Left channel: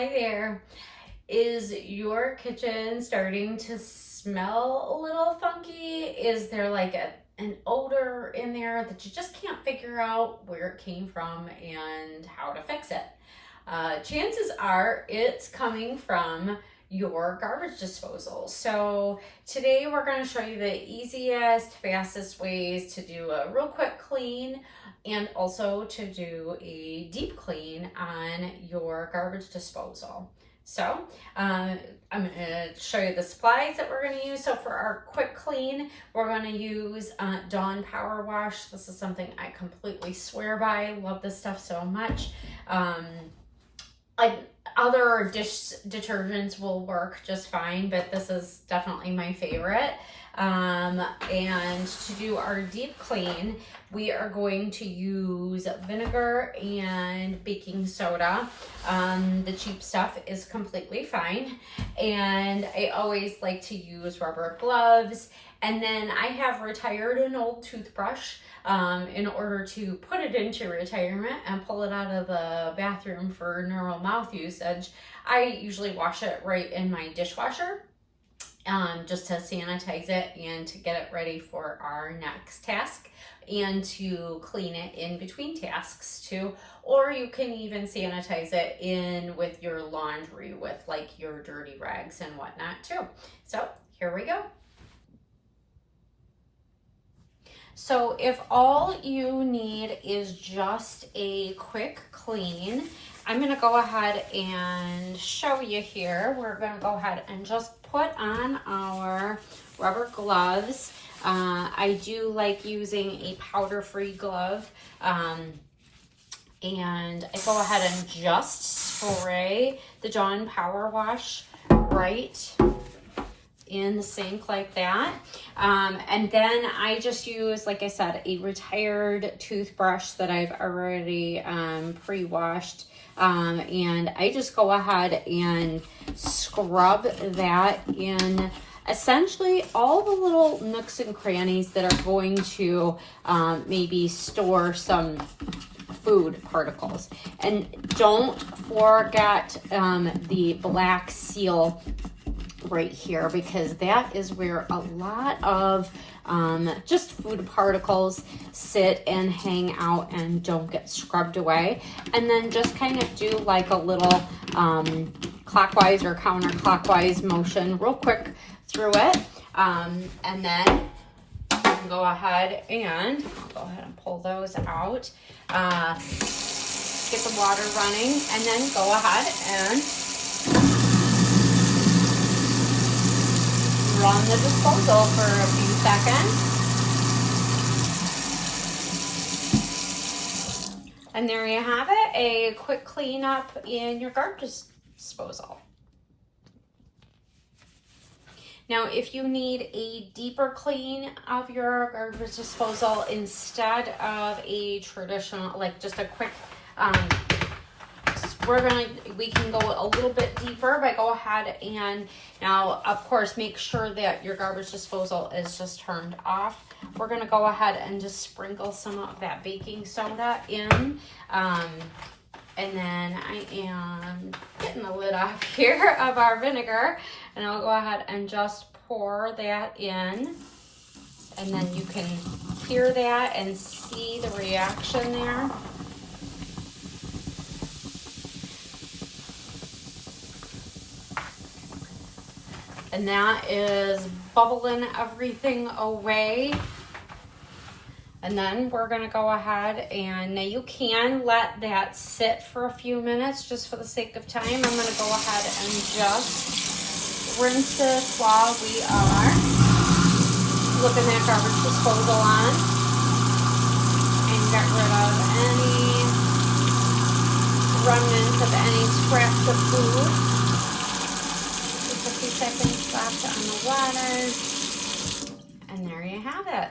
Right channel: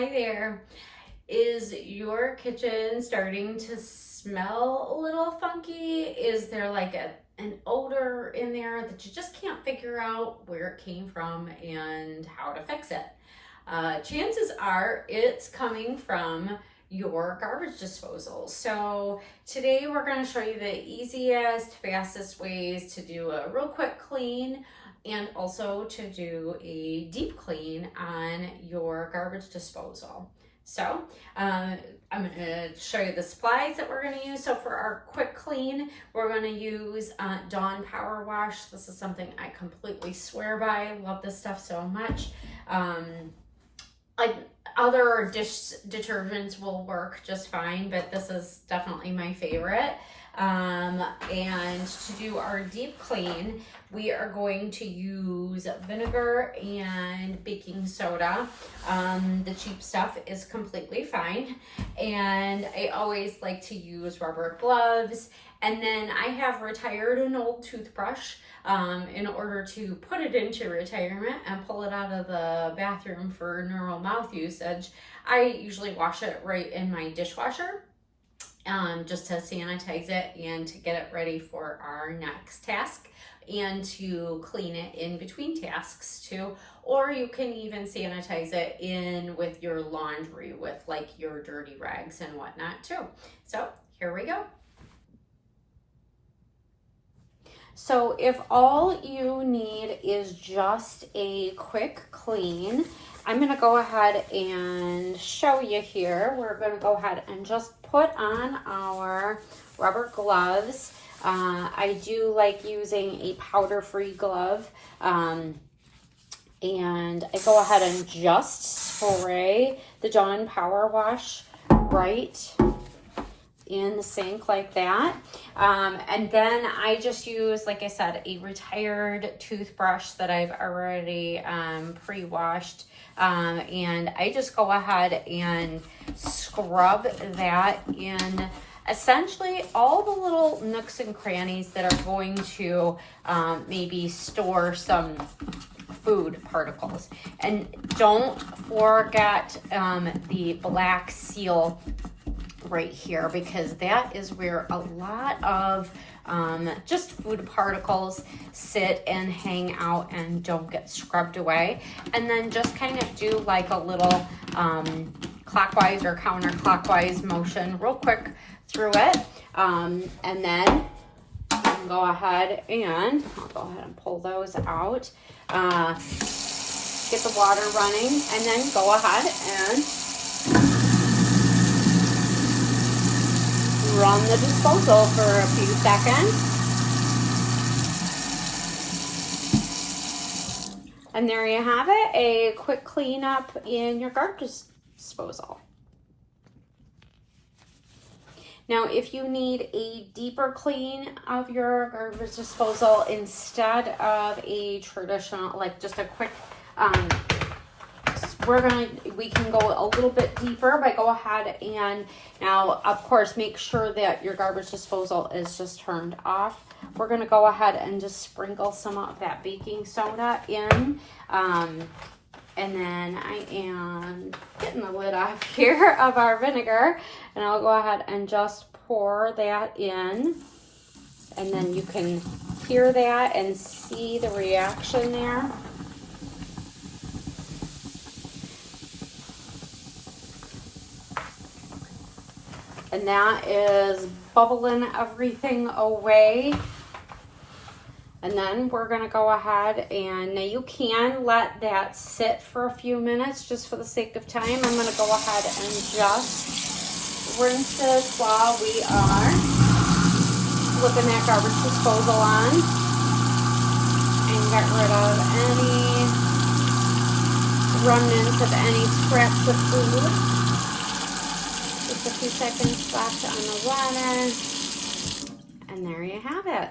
Hi there. Is your kitchen starting to smell a little funky? Is there like an odor in there that you just can't figure out where it came from and how to fix it? Chances are it's coming from your garbage disposal. So today we're going to show you the easiest, fastest ways to do a real quick clean and also to do a deep clean on your garbage disposal. So I'm going to show you the supplies that we're going to use. So for our quick clean, we're going to use Dawn Power Wash. This is something I completely swear by. I love this stuff so much. Other dish detergents will work just fine, but this is definitely my favorite. And to do our deep clean, we are going to use vinegar and baking soda. The cheap stuff is completely fine. And I always like to use rubber gloves. And then I have retired an old toothbrush in order to put it into retirement and pull it out of the bathroom for normal mouth usage. I usually wash it right in my dishwasher. Just to sanitize it and to get it ready for our next task and to clean it in between tasks too. Or you can even sanitize it in with your laundry with like your dirty rags and whatnot too. So here we go. So if all you need is just a quick clean, I'm going to go ahead and show you here. We're going to go ahead and just put on our rubber gloves. I do like using a powder-free glove. And I go ahead and just spray the Dawn Power Wash right in the sink like that. And then I just use, like I said, a retired toothbrush that I've already pre-washed. And I just go ahead and scrub that in essentially all the little nooks and crannies that are going to maybe store some food particles. And don't forget the black seal right here, because that is where a lot of just food particles sit and hang out and don't get scrubbed away. And then just kind of do like a little clockwise or counterclockwise motion real quick through it. And then you can go ahead and I'll go ahead and pull those out. Get the water running and then go ahead and run the disposal for a few seconds. And there you have it, a quick cleanup in your garbage disposal. Now, if you need a deeper clean of your garbage disposal instead of a traditional, like just a quick, we can go a little bit deeper, but go ahead and now, of course, make sure that your garbage disposal is just turned off. We're going to go ahead and just sprinkle some of that baking soda in. And then I am getting the lid off here of our vinegar, and I'll go ahead and just pour that in. And then you can hear that and see the reaction there. And that is bubbling everything away. And then we're going to go ahead and now you can let that sit for a few minutes just for the sake of time. I'm going to go ahead and just rinse this while we are flipping that garbage disposal on and get rid of any remnants of any scraps of food. Seconds left on the water, and there you have it.